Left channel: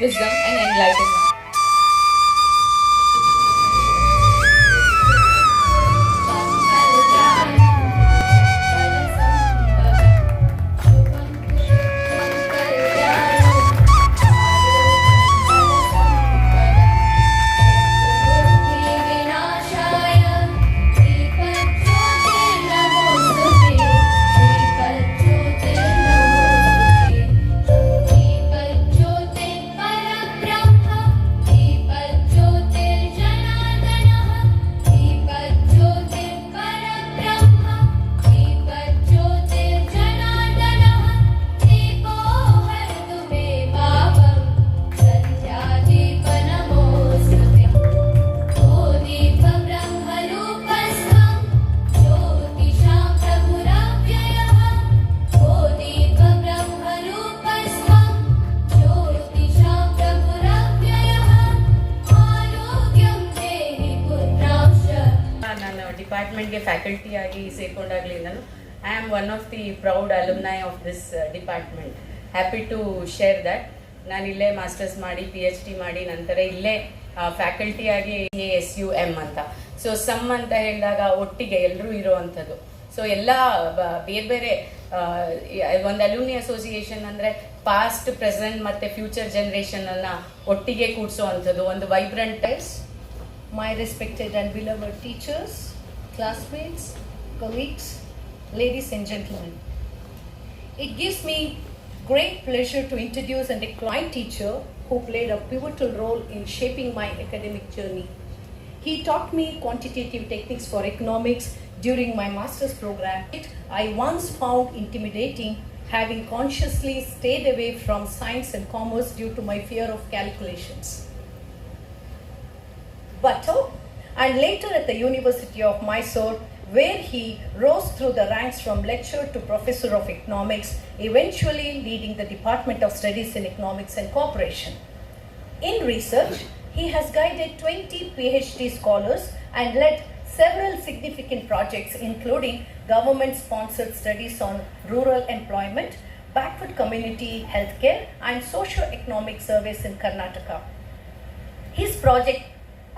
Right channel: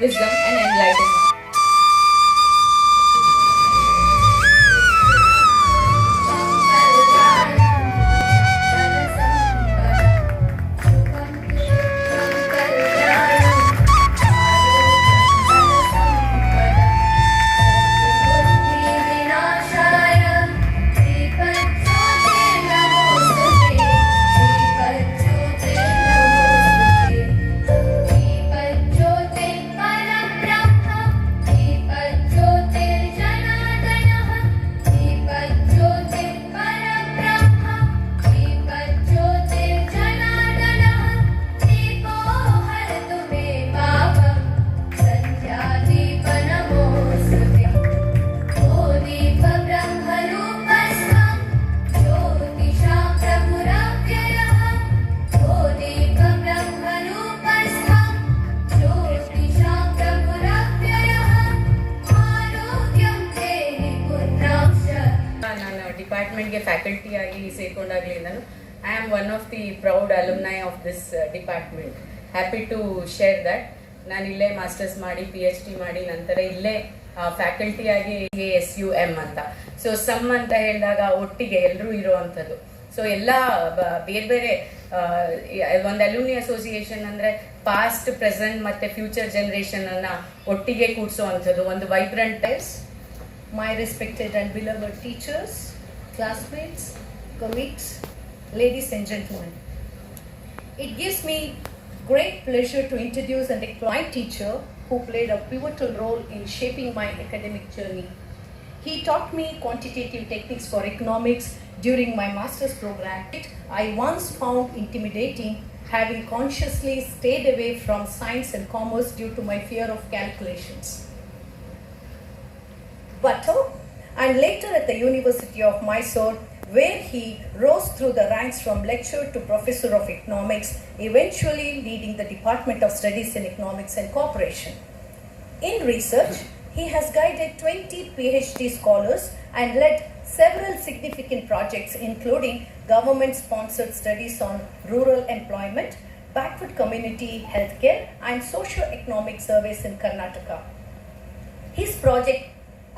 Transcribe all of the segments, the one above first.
wisdom, and enlightenment. ಡಿಪಾರ್ಟ್ಮೆಂಟ್ಗೆ faculty ಆಗಿ ಸೇರ್ಕೊಂಡಾಗಲಿಂದನೂ I am one of the proud alumni of this department. Happy to share that. ನಾನು ಇಲ್ಲೇ masters ಮಾಡಿ PhD ಮಾಡಿ ನಂತರ ಇಲ್ಲೇ ಫ್ಯಾಕಲ್ಟಿ ಆಗಿ ASUM ಅಂತ. ಸೊ ಸಮ್ ಅಂತ ಹೇಳಿದಾಗ ಒಟ್ಟಿಗೆ ಎಲ್ಲರೂ ಇರೋವಂಥದ್ದು. ಸೊ ಎಲ್ಲ ಬೇರೆ ಬೇರೆ ಒಂದು ಅಲ್ಯೂಮಿನಿ ಅಸೋಸಿಯೇಷನ್ ಅಂದರೆ ಪಾಸ್ಟ್, ಪ್ರೆಸೆಂಟ್ ಮತ್ತು ಫ್ಯೂಚರ್ ಜನರೇಷನ್ ಅನ್ನ ಒಟ್ಟಿಗೆ ಕೂಡಿಸುವಂಥದ್ದು ಒಂದು vibrant. My respected and beloved teachers, classmates, colleagues, ladies and gentlemen. It gives me great pleasure to introduce a declined teacher who played a pivotal role in shaping my academic journey. He taught me quantitative techniques for economics during my master's program. I once found intimidating, having consciously stayed away from science and commerce due to my fear of calculations. And later at the University of Mysore, where he rose through the ranks from lecturer to professor of economics, eventually leading the Department of Studies in Economics and Cooperation. In research, he has guided 20 PhD scholars and led several significant projects, including government-sponsored studies on rural employment, backward community healthcare, and socio-economic surveys in Karnataka. His project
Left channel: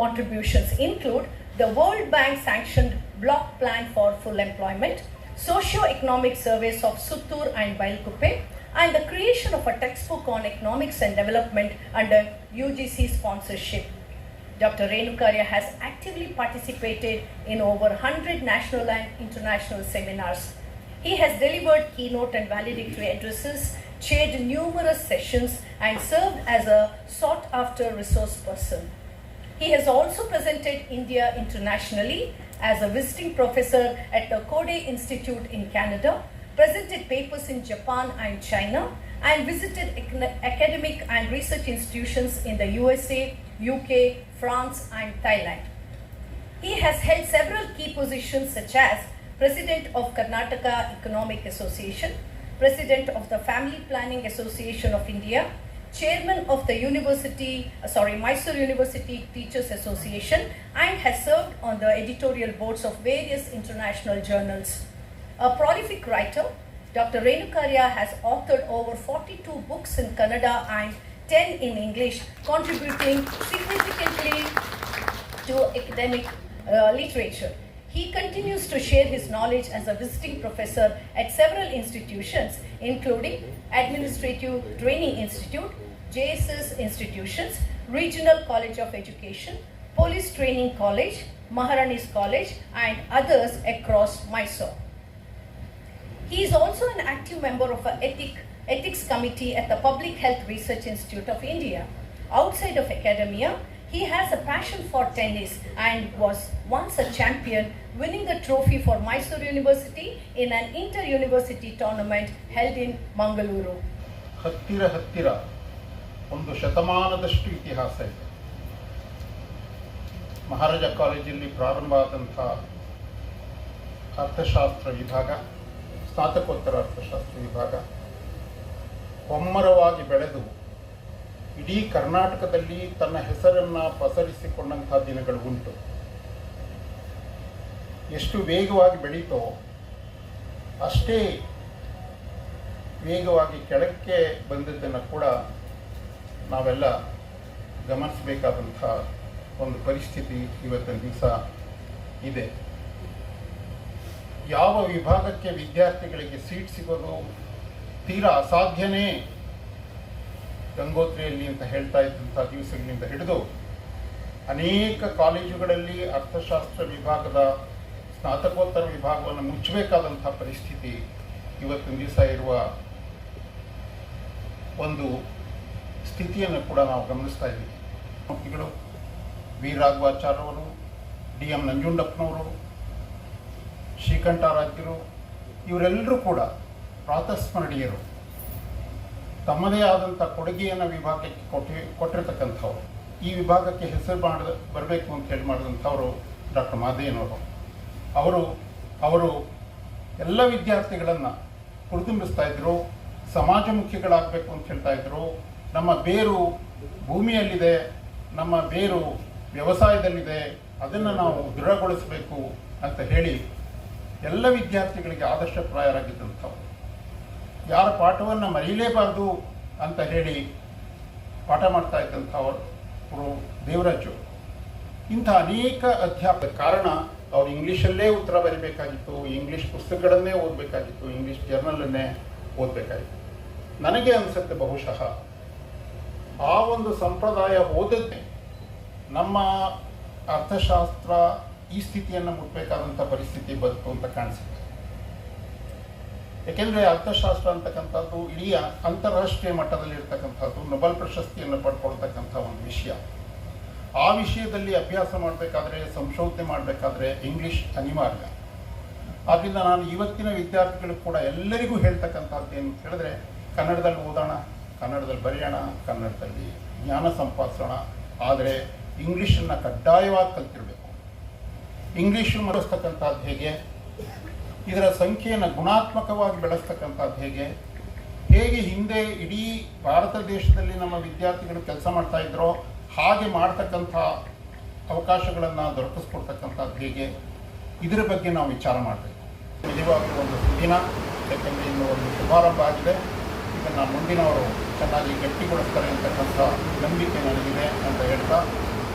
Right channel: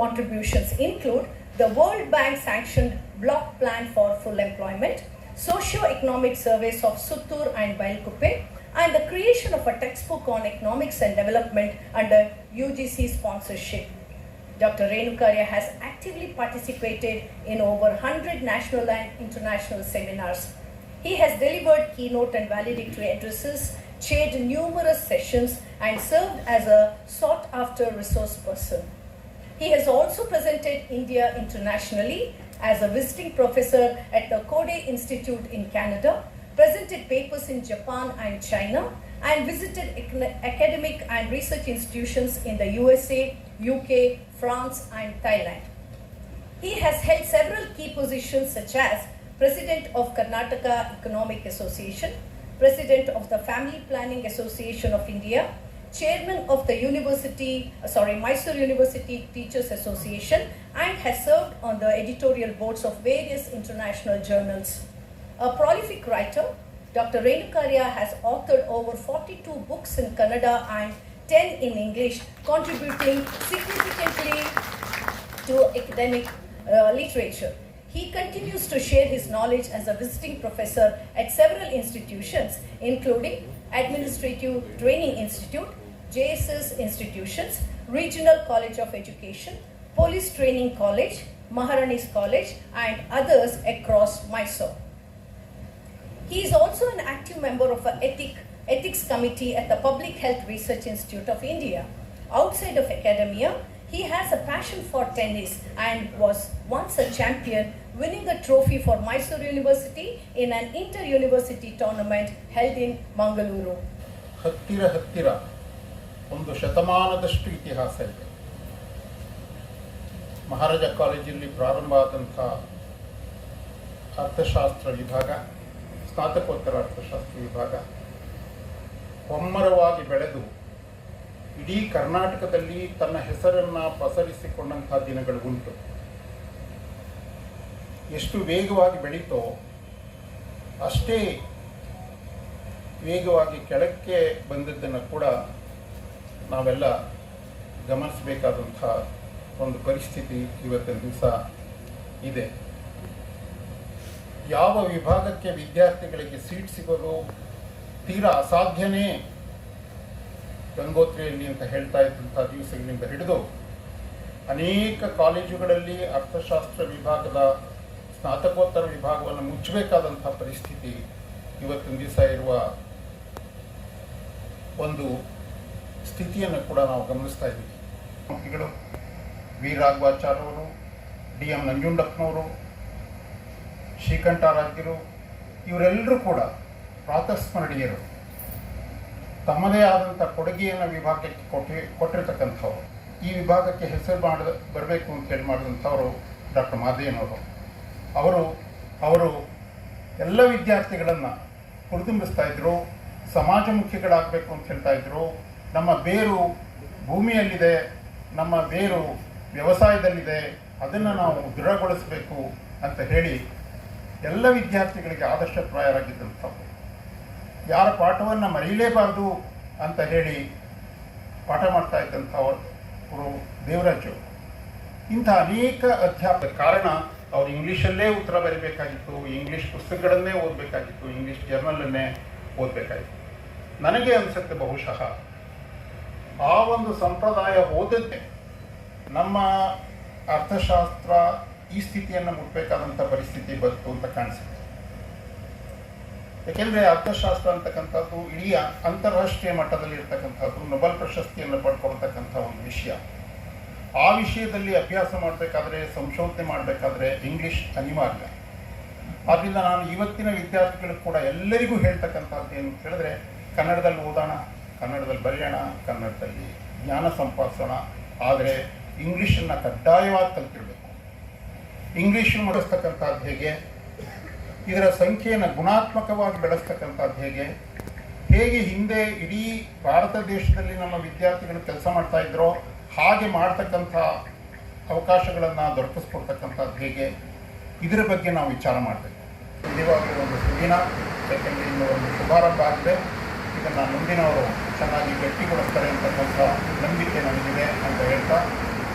contributions include the World Bank sanctioned block plan for full employment, socio-economic surveys of Suttur and Bailkuppe, and the creation of a textbook on economics and development under UGC sponsorship. Dr. Renukarya has actively participated in over 100 national and international seminars. He has delivered keynote and valedictory addresses, chaired numerous sessions, and served as a sought-after resource person. He has also presented India internationally as a visiting professor at the Koday Institute in Canada, presented papers in Japan and China, and visited academic and research institutions in the USA, UK, France, and Thailand. He has held several key positions such as President of Karnataka Economic Association, President of the Family Planning Association of India, Chairman of the Mysore University Teachers Association, and has served on the editorial boards of various international journals. A prolific writer, Dr. Renukarya has authored over 42 books in Kannada and 10 in English, contributing significantly to academic literature. He continues to share his knowledge as a visiting professor at several institutions, including Administrative Training Institute, JSS institutions, Regional College of Education, Police Training College, Maharani's College, and others across Mysore. He is also an active member of an ethics committee at the Public Health Research Institute of India. Outside of academia, he has a passion for tennis and was once a champion, winning the trophy for Mysore University in an inter-university tournament held in Mangaluru. ಹತ್ತಿರ ಒಂದು ಶತಮಾನದಷ್ಟು ಇತಿಹಾಸ ಇದೆ. ಮಹಾರಾಜ ಕಾಲೇಜಲ್ಲಿ ಪ್ರಾರಂಭ ಆದಂಥ ಅರ್ಥಶಾಸ್ತ್ರ ವಿಭಾಗ, ಸ್ನಾತಕೋತ್ತರ ಅರ್ಥಶಾಸ್ತ್ರ ವಿಭಾಗ ಒಮ್ಮರವಾಗಿ ಬೆಳೆದು ಇಡೀ ಕರ್ನಾಟಕದಲ್ಲಿ ತನ್ನ ಹೆಸರನ್ನು ಪಸರಿಸಿಕೊಂಡಂಥ ದಿನಗಳು ಉಂಟು. ಎಷ್ಟು ವೇಗವಾಗಿ ಬೆಳೀತೋ ಅಷ್ಟೇ ವೇಗವಾಗಿ ಕೆಳಕ್ಕೆ ಬಂದದ್ದನ್ನು ಕೂಡ ನಾವೆಲ್ಲ ಗಮನಿಸಬೇಕಾದಂಥ ಒಂದು ಪರಿಸ್ಥಿತಿ ಇವತ್ತಿನ ದಿವಸ ಇದೆ. ಯಾವ ವಿಭಾಗಕ್ಕೆ ವಿದ್ಯಾರ್ಥಿಗಳಿಗೆ ಸೀಟ್ ಸಿಗೋದು ತೀರಾ ಅಸಾಧ್ಯನೇ ಗಂಗೋತ್ರಿಯಲ್ಲಿ ಅಂತ ಹೇಳ್ತಾ ಇದ್ದಂಥ ದಿವಸಗಳಿಂದ ಹಿಡಿದು ಅನೇಕ ಕಾಲೇಜುಗಳಲ್ಲಿ ಅರ್ಥಶಾಸ್ತ್ರ ವಿಭಾಗದ ಸ್ನಾತಕೋತ್ತರ ವಿಭಾಗವನ್ನು ಮುಚ್ಚಬೇಕಾದಂಥ ಪರಿಸ್ಥಿತಿ ಇವತ್ತಿನ ದಿವಸ ಇರುವ ಒಂದು ಸ್ಥಿತಿಯನ್ನು ಕೂಡ ನಾವು ಗಮನಿಸ್ತಾ ಇದ್ದೀವಿ. ಮುಖ್ಯಗಳು ವಿ ರಾಘವಾಚಾರ್ಯವರು, DM ನಂಜುಂಡಪ್ಪನವರು, ಶ್ರೀಕಂಠಾರಾಧ್ಯರು ಇವರೆಲ್ಲರೂ ಕೂಡ ಪ್ರಾತಸ್ಮರಣೀಯರು. ತಮ್ಮದೇ ಆದಂಥ ಕೊಡುಗೆಯನ್ನು ವಿಭಾಗಕ್ಕೆ ಕೊಟ್ಟಿರ್ತಕ್ಕಂಥವ್ರು. ಈ ವಿಭಾಗಕ್ಕೆ ಹೆಸರು ಬರಬೇಕು ಅಂತ ಹೇಳಿ ಮಾಡಿದಂಥವರು ಡಾಕ್ಟರ್ ಮಾದೇನವರು. ಅವರು ಎಲ್ಲ ವಿದ್ಯಾರ್ಥಿಗಳನ್ನು ಹುರಿದುಂಬಿಸ್ತಾ ಇದ್ರು, ಸಮಾಜಮುಖಿಗಳಾಗಬೇಕು ಅಂತ ಹೇಳ್ತಾ ಇದ್ರು. ನಮ್ಮ ಬೇರು ಭೂಮಿಯಲ್ಲಿದೆ, ನಮ್ಮ ಬೇರು ವ್ಯವಸಾಯದಲ್ಲಿದೆ, ಅದನ್ನು ನಾವು ದೃಢಗೊಳಿಸಬೇಕು ಅಂತ ಹೇಳಿ ಎಲ್ಲ ವಿದ್ಯಾರ್ಥಿಗಳಿಗೆ ಆದರ್ಶಪ್ರಾಯರಾಗಿದ್ದಂಥವು. ಯಾರ ಪಾಠವನ್ನು ಮರೆಯಲೇಬಾರ್ದು ಅಂತ ಹೇಳಿ ಪಾಠ ಮಾಡ್ತಾ ಇದ್ದಂಥವರು ದೇವರಾಜು. ಇಂಥ ಅನೇಕ ಅಧ್ಯಾಪಕ ಕಾರಣ ಅವರು ಇಂಗ್ಲೀಷಲ್ಲೇ ಉತ್ತರ ಬರೀಬೇಕಾಗಿತ್ತು, ಇಂಗ್ಲೀಷ್ ಪುಸ್ತಕಗಳನ್ನೇ ಓದಬೇಕಾಗಿತ್ತು, ಇಂಗ್ಲೀಷ್ ಜರ್ನಲನ್ನೇ ಓದಬೇಕಾಗಿತ್ತು. ನನಗೆ ಅನಿಸುತ್ತೆ ಬಹುಶಃ ಆ ಒಂದು ಸಂಪ್ರದಾಯ ಓದದ್ದೇ ನಮ್ಮ ಅರ್ಥಶಾಸ್ತ್ರ ಈ ಸ್ಥಿತಿಯನ್ನು ಮುಟ್ಟಬೇಕಾದಂಥ ಪರಿಸ್ಥಿತಿ ಬಂತು ಅಂತ ಕಾಣಿಸುತ್ತೆ. ಏಕೆಂದರೆ ಅರ್ಥಶಾಸ್ತ್ರ ಅಂತಕ್ಕಂಥದ್ದು ಇಡೀ ಅಂತಾರಾಷ್ಟ್ರೀಯ ಮಟ್ಟದಲ್ಲಿ ಇರ್ತಕ್ಕಂಥದ್ದು, ನೊಬೆಲ್ ಪ್ರಶಸ್ತಿಯನ್ನು ಪಡ್ಕೊಳ್ತಕ್ಕಂಥ ಒಂದು ವಿಷಯ. ಆ ವಿಷಯದಲ್ಲಿ ಅಭ್ಯಾಸ ಮಾಡಬೇಕಾದ್ರೆ, ಸಂಶೋಧನೆ ಮಾಡಬೇಕಾದ್ರೆ ಇಂಗ್ಲೀಷ್ ಅನಿವಾರ್ಯ. ಆದ್ದರಿಂದ ನಾನು ಇವತ್ತಿನ ವಿದ್ಯಾರ್ಥಿಗಳಿಗೆ ಕೂಡ ಎಲ್ಲರಿಗೂ ಹೇಳ್ತಕ್ಕಂಥದ್ದು ಏನು ಅಂತ ಹೇಳಿದ್ರೆ, ಕನ್ನಡದಲ್ಲಿ ಓದೋಣ, ಕನ್ನಡದಲ್ಲಿ ಬರೆಯೋಣ, ಕನ್ನಡದಲ್ಲಿ ಜ್ಞಾನ ಸಂಪಾದಿಸೋಣ. ಆದರೆ ಇಂಗ್ಲೀಷನ್ನು ಕಡ್ಡಾಯವಾಗಿ ಕಲ್ತಿರಬೇಕು. ಇಂಗ್ಲೀಷು ಮಾಡಿಸ್ತಕ್ಕಂಥದ್ದು ಹೇಗೆ, ಇದರ ಸಂಖ್ಯೆಯನ್ನು ಗುಣಾತ್ಮಕವಾಗಿ ಬೆಳೆಸ್ತಕ್ಕಂಥದ್ದು ಹೇಗೆ ಹಿಂದೆ ಇಡೀ ಭಾರತ ದೇಶದಲ್ಲಿ ನಮ್ಮ ವಿದ್ಯಾರ್ಥಿಗಳು ಕೆಲಸ ಮಾಡ್ತಾ ಇದ್ರೋ ಹಾಗೆ ಮಾಡ್ತಕ್ಕಂಥ ಅವಕಾಶಗಳನ್ನು ದೊರಕಿಸ್ಕೊಡ್ತಕ್ಕಂಥದ್ದು ಹೇಗೆ, ಇದರ ಬಗ್ಗೆ ನಾವು ವಿಚಾರ ಮಾಡಬೇಕು. ನಿಜವಾಗ್ಲೂ ಒಂದು ಸುದಿನ, ಯಾಕೆಂದರೆ ಇನ್ನು ಒಂದು ಶುಭಾರಂಭ ಆಗಿದೆ. ಇದನ್ನು ಮುಂದಿನವರು ಚೆನ್ನಾಗಿ ಗಟ್ಟಿಗೊಳಿಸ್ತಾರೆ ಅಂತಕ್ಕಂಥ ನಂಬಿಕೆ ನನಗಿದೆ ಅಂತ ಹೇಳ್ತಾ,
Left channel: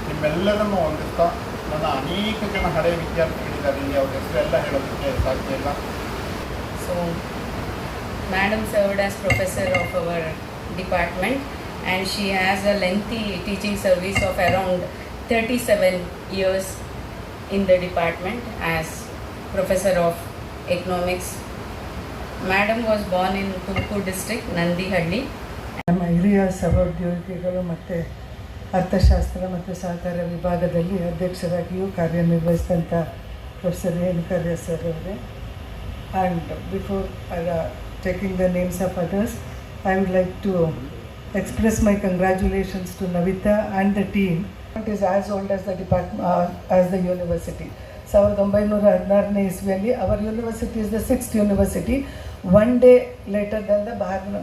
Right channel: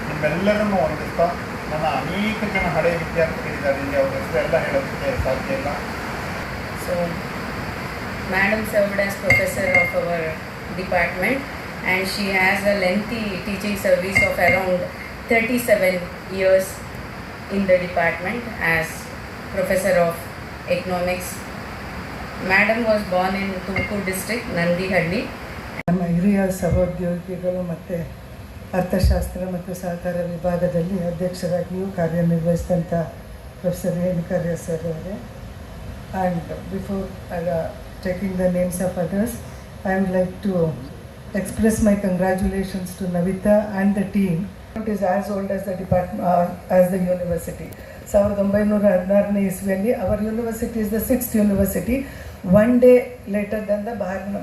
ನಿಮ್ಮೆಲ್ಲರನ್ನೂ ಹೊಂದಿಸ್ತಾ, ನನ್ನ ಅನೇಕ ಜನ ಹಳೆಯ ವಿದ್ಯಾರ್ಥಿಗಳಿದ್ದಾರೆ, ಇಲ್ಲಿ ಅವ್ರ ಹೆಸರೆಲ್ಲ ಹೇಳೋದಕ್ಕೆ ಸಾಧ್ಯ ಇಲ್ಲ. So, Madam served as professor of our department and she has a lengthy teaching service of around 37 years in the department as professor of economics. Madam was born in Tumkur district, Nandihalli. ನಮ್ಮ ಹಿರಿಯ ಸಹೋದ್ಯೋಗಿಗಳು ಮತ್ತು ಅರ್ಥಶಾಸ್ತ್ರ ಮತ್ತು ಸಹಕಾರ ವಿಭಾಗದಲ್ಲಿ ಅಧ್ಯಕ್ಷರಾಗಿಯೂ ಕಾರ್ಯನಿರ್ವಹಿಸಿದಂಥ ಪ್ರೊಫೆಸರ್ ರೇಣುಕಾರ್ಯ ಸರ್ ಅವರು. And before taking the names of others, I would like to express my congratulations to Navita and the team. It is as old as the department, as the university. 1916ನೇ ಇಸ್ವಿಯಲ್ಲಿ our university is the 6th university, one day later than the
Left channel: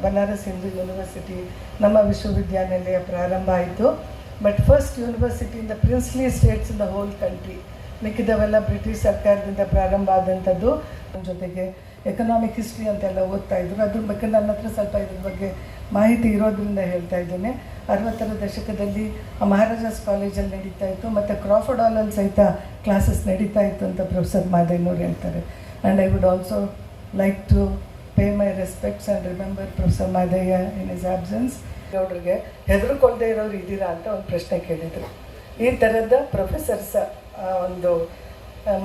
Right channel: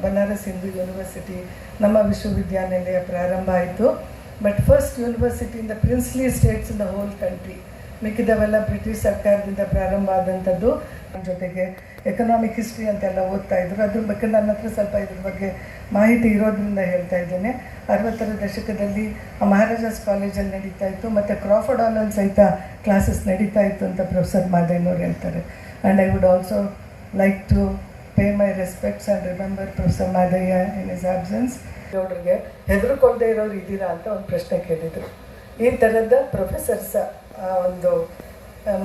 Banaras Hindu University. ನಮ್ಮ ವಿಶ್ವವಿದ್ಯಾನಿಲಯ ಪ್ರಾರಂಭ ಆಯಿತು. But first university in the princely states in the whole country. ಮಿಕ್ಕಿದವೆಲ್ಲ British ಸರ್ಕಾರದಿಂದ ಪ್ರಾರಂಭ ಆದಂಥದ್ದು. ಜೊತೆಗೆ economic history ಅಂತೆಲ್ಲ ಓದ್ತಾ ಇದ್ರು. ಅದ್ರ ಬಗ್ಗೆ ನನ್ನ ಹತ್ರ ಸ್ವಲ್ಪ ಇದ್ರ ಬಗ್ಗೆ ಮಾಹಿತಿ ಇರೋದ್ರಿಂದ ಹೇಳ್ತಾ ಇದ್ದೇನೆ. 60ರ ದಶಕದಲ್ಲಿ ಮಹಾರಾಜಾಸ್ ಕಾಲೇಜಲ್ಲಿ ನಡೀತಾ ಇತ್ತು, ಮತ್ತು ಕ್ರಾಫರ್ಡ್ ಹಾಲಲ್ಲಿ ಸಹಿತ ಕ್ಲಾಸಸ್ ನಡೀತಾ ಇತ್ತು ಅಂತ ಪ್ರೊಫೆಸರ್ ಮಾದೇನವ್ರು ಹೇಳ್ತಾರೆ. And I would also like to pay my respects and remember professor Madayya in his absence. ಅವರಿಗೆ ಹೆದರ್ಕೊಳ್ದೇ ಇರೋರು ಇದ್ದೀರಾ ಅಂತ ಒಂದು ಪ್ರಶ್ನೆ ಕೇಳಿದರು. ಈ ಥರದ ಪ್ರೊಫೆಸರ್ಸ್ ಒಂದು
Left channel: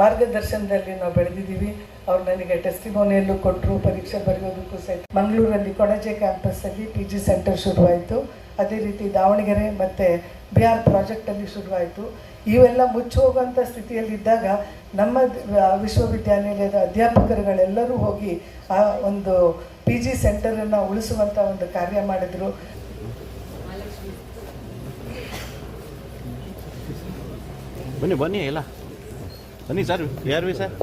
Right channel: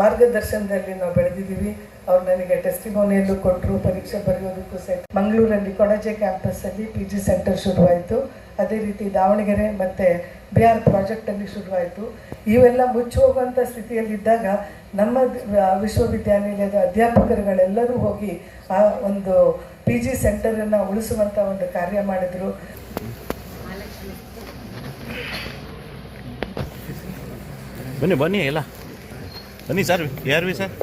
ಮಾರ್ಗದರ್ಶನದಲ್ಲಿ ನಾವು ಬೆಳೆದಿದ್ದೀವಿ. ಅವ್ರು ನನಗೆ ಟೆಸ್ಟಿಮೋನಿಯಲ್ಲೂ ಕೊಟ್ಟರು, ಪರೀಕ್ಷೆ ಬರೆಯೋದಕ್ಕೂ ಸಹಿತ. ಮಂಗಳೂರಲ್ಲಿ ಕೊಣಜೆ ಕ್ಯಾಂಪಸ್ಸಲ್ಲಿ PG ಸೆಂಟರ್ ಶುರುವಾಯಿತು. ಅದೇ ರೀತಿ ದಾವಣಗೆರೆ ಮತ್ತು BR ಪ್ರಾಜೆಕ್ಟಲ್ಲಿ ಶುರುವಾಯಿತು. ಇವೆಲ್ಲ ಮುಚ್ಚಿ ಹೋಗುವಂಥ ಸ್ಥಿತಿಯಲ್ಲಿದ್ದಾಗ ನಮ್ಮ ವಿಶ್ವವಿದ್ಯಾನಿಲಯದ ಅಧ್ಯಾಪಕರುಗಳೆಲ್ಲರೂ ಹೋಗಿ ಆ ಒಂದು PG ಸೆಂಟರನ್ನು ಉಳಿಸುವಂಥ ಒಂದು ಕಾರ್ಯ ಮಾಡಿದರು. ಬನ್ನಿ ಬನ್ನಿ ಎಲ್ಲ ಬನ್ನಿ ಸರ್, ಯಾರು ಸರ್?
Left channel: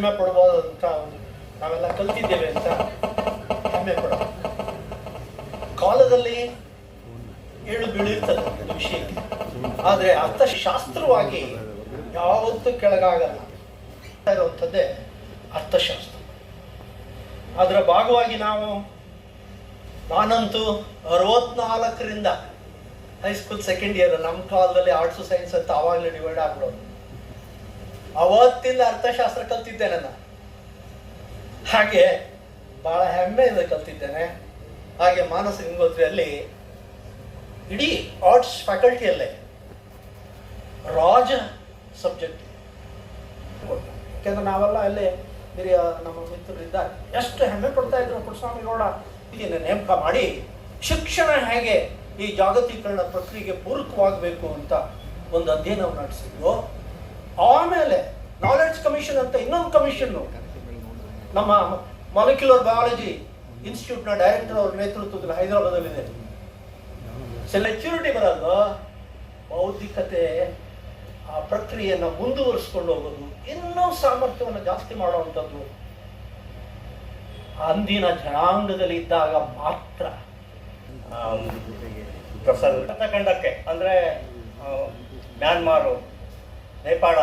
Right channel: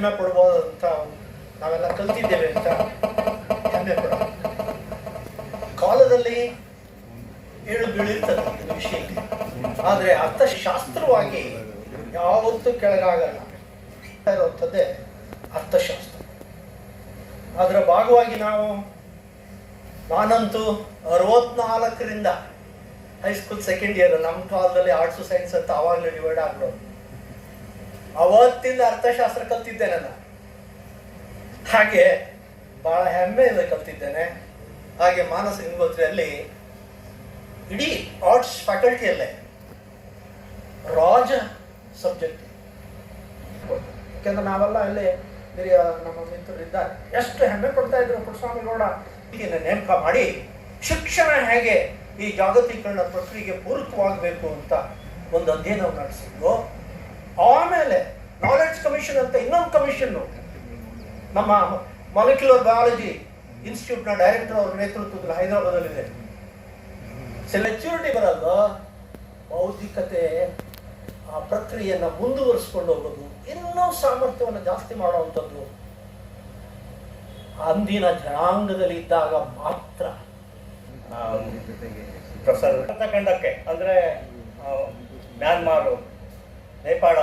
ಹೆಮ್ಮೆ ಪಡ್ಬೋದು ಅಂತ ನಾವೆಲ್ಲ ಕಲ್ತಿದ್ದೇವೆ ಅಂತ ಹೆಮ್ಮೆ ಪಡ ಕಾಲದಲ್ಲಿ ಏಳು ಬೀಳಿರ್ತದೆ ಒಂದು ವಿಷಯಕ್ಕೆ, ಆದರೆ ಅರ್ಥಶಾಸ್ತ್ರವಾಗಿ ಯಾವತ್ತೂ ಕೆಳಗಾಗಲ್ಲ ಇರುವಂಥದ್ದೇ ಅರ್ಥಶಾಸ್ತ್ರ. ಅದರ ಭಾಗವಾಗಿ ನಾನಂತೂ 64ರಿಂದ ಹೈಸ್ಕೂಲ್ ಸೆಕೆಂಡ್ ಇಯರ್, ನಮ್ಮ ಕಾಲದಲ್ಲಿ ಆರ್ಟ್ಸ್ ಸೈನ್ಸ್ ಅಂತ ಆವಾಗಲೇ ಡಿವೈಡ್ ಆಗ್ಬಿಡೋದು. ಅವತ್ತಿಂದ ಅರ್ಥಶಾಸ್ತ್ರ ಕಲ್ತಿದ್ದೇನೆ ನಾನು. ಹಾಗೆ ಬಹಳ ಹೆಮ್ಮೆಯಿಂದ ಕಲ್ತಿದ್ದೇನೆ. ಹಾಗೆ ಮಾನಸ ಗಂಗೋತ್ರಿಯಲ್ಲಿ ಇಡೀ ಆರ್ಟ್ಸ್ ಫ್ಯಾಕಲ್ಟಿಯಲ್ಲೇ ರಾಜ ಸಬ್ಜೆಕ್ಟ್. ಯಾಕೆಂದ್ರೆ ನಾವೆಲ್ಲ ಅಲ್ಲಿ ಹಿರಿಯ ನಮ್ಮ ಮಿತ್ರರಿದ್ದಾರೆ, ಎಷ್ಟು ಹೆಮ್ಮೆ ಪಡ್ತಾ ಇದ್ರು ಪುಟ್ಟಸ್ವಾಮಿಗೌಡ ನೇಮಕ ಮಾಡಿ ಶಿಕ್ಷಣ ಹೇಗೆ ಈ ಜಾಗತೀಕರಣ ಪ್ರಕ್ರಿಯೆಗೆ ಪೂರಕವಾಗಬೇಕು ಅಂತ ಒಂದು ಅಧ್ಯಯನ ನಡೆಸಿದ್ರು. ಆಮೇಲೆ ನಾಲೆಡ್ಜ್ ಕಮಿಷನ್ ಅಂತ ಇನ್ನೊಂದು ಕಮಿಷನ್ನು ನಮ್ಮ ಮಾಲಿಕ್ಯುಲರ್ ಬಯಾಲಜಿ ಇನ್ಸ್ಟಿಟ್ಯೂಟ್ನ ಡೈರೆಕ್ಟರ್ ಅವರ ನೇತೃತ್ವದಲ್ಲಿ ಹೈದರಾಬಾದಲ್ಲಿದೆ. ಸೆಲೆಕ್ಯೂರಿಟಿ ಬರಲ್ಲ, ಬೌದ್ಧಿಕತೆ ಆ ಪ್ರಕ್ರಿಯೆಯನ್ನು ಮುಂದುವರಿಸ್ಕೊಂಡು ಹೋಗೋದು, ಇನ್ನೂ ಸಾಮರ್ಥ್ಯವನ್ನು ಜಾಸ್ತಿ ಮಾಡುವಂಥದ್ದು ಅಂದಿನ ಜನಾಂಗದಲ್ಲಿ ಇದ್ದಾಗ ಮಾತ್ರ. ಪ್ರೊಫೆಸರ್ ಖಂಡಕ್ಕೆ ಅಂದರೆ ಮ್ಯಾನ್ಮಾರು, ನೇಪಾಳ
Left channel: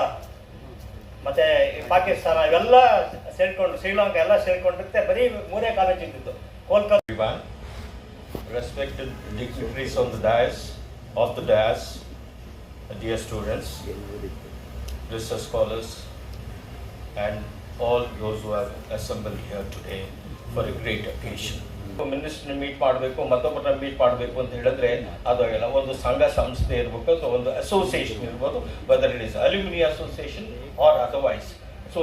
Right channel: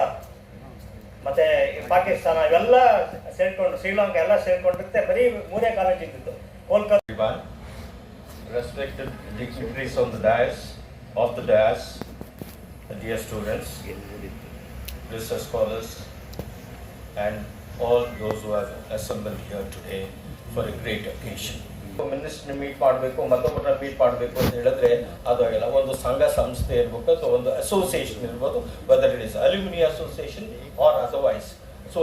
ಮತ್ತೆ ಪಾಕಿಸ್ತಾನ ಇವೆಲ್ಲ ಸೇರ್ಕೊಂಡು, ಶ್ರೀಲಂಕಾ ಎಲ್ಲ ಸೇರ್ಕೊಂಡಿರುತ್ತೆ. ಬರೀ 3 ಕಾಲೇಜ್ ಇದ್ದಿದ್ದು. Kolkata. Respected dignitaries on the dais, off the dais, dear students, research scholars, and all those who are assembled here today for a great occasion. ಮಿನಿಸ್ಟರ್ನ ಮೀಟ್ ಮಾಡಬೇಕು, ಮತ್ತೊಬ್ಬರ ಮೀಟ್ ಮಾಡಬೇಕು ಅಂತ ಹೇಳಿದ್ರೆ ಅದು ಎಲ್ಲ ಒಂದು ಸಂಘ ಸಂಸ್ಥೆ ಇರಬೇಕು ಅಥವಾ ಒಂದು ಅಸೋಸಿಯೇಷನ್ ಇರ್ಬೋದು, whether it is alumni association or otherwise. So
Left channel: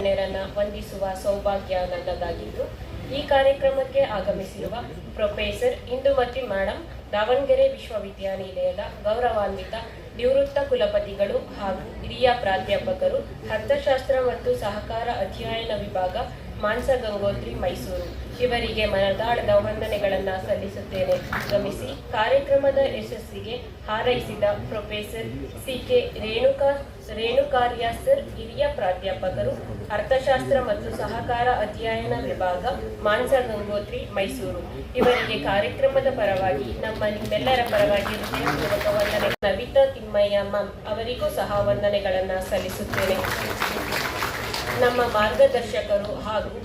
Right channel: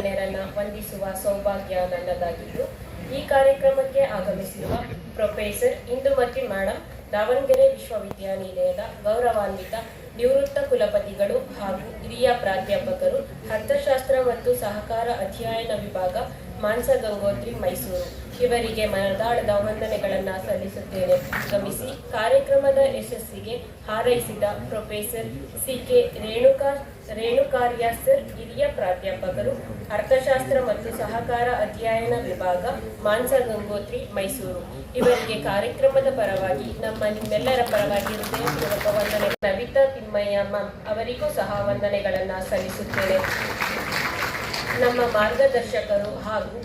ವಂದಿಸುವ ಸೌಭಾಗ್ಯ ನನ್ನದಾಗಿದ್ದು, ಈ ಕಾರ್ಯಕ್ರಮಕ್ಕೆ ಆಗಮಿಸಿರುವ ಪ್ರೊಫೆಸರ್ ಇಂದುಮತಿ ಮೇಡಮ್, ದಾವಣಗೆರೆ ವಿಶ್ವವಿದ್ಯಾನಿಲಯದ ಗೌರವಾನ್ವಿತ ನಿವೃತ್ತ ಕುಲಪತಿಗಳು ಹಾಗೂ ಹಿರಿಯ ಪ್ರಾಧ್ಯಾಪಕರು, ಅರ್ಥಶಾಸ್ತ್ರ ಮತ್ತು ಸಹಕಾರ ಅಧ್ಯಯನ ವಿಭಾಗ, ಮಾನಸ ಗಂಗೋತ್ರಿ, ಮೈಸೂರು, ಇವರಿಗೆ ಮನದಾಳದ ವಂದನೆಗಳನ್ನು ಸಲ್ಲಿಸುತ್ತೇನೆ. ಗಮಿಸಿ ಕಾರ್ಯಕ್ರಮದ ಯಶಸ್ಸಿಗೆ ಹಾರೈಸಿದ ಪ್ರೊಫೆಸರ್ ಸಿ.ಕೆ. ರೇಣುಕಾರ್ಯ ಸರ್, ಹಿರಿಯ ಪ್ರಾಧ್ಯಾಪಕರು, ಅರ್ಥಶಾಸ್ತ್ರ ಮತ್ತು ಸಹಕಾರ ಅಧ್ಯಯನ ವಿಭಾಗ, ಮಾನಸ ಗಂಗೋತ್ರಿ, ಮೈಸೂರು, ಇವರಿಗೆ ಕಾರ್ಯಕ್ರಮದ ಪರವಾಗಿ ನಿಮ್ಮೆಲ್ಲರ ಪರವಾಗಿ ಹೃದಯಪೂರ್ವಕ ವಂದನೆ. ನವಿತಾ ತಿಮ್ಮಯ್ಯ ಮ್ಯಾಮ್ ಅವರಿಗೂ ಸಹ ವಂದನೆಗಳನ್ನು ಸಲ್ಲಿಸುತ್ತೇನೆ. ನಮ್ಮ ಮಾರ್ಗದರ್ಶಕರು ಹಾಗೂ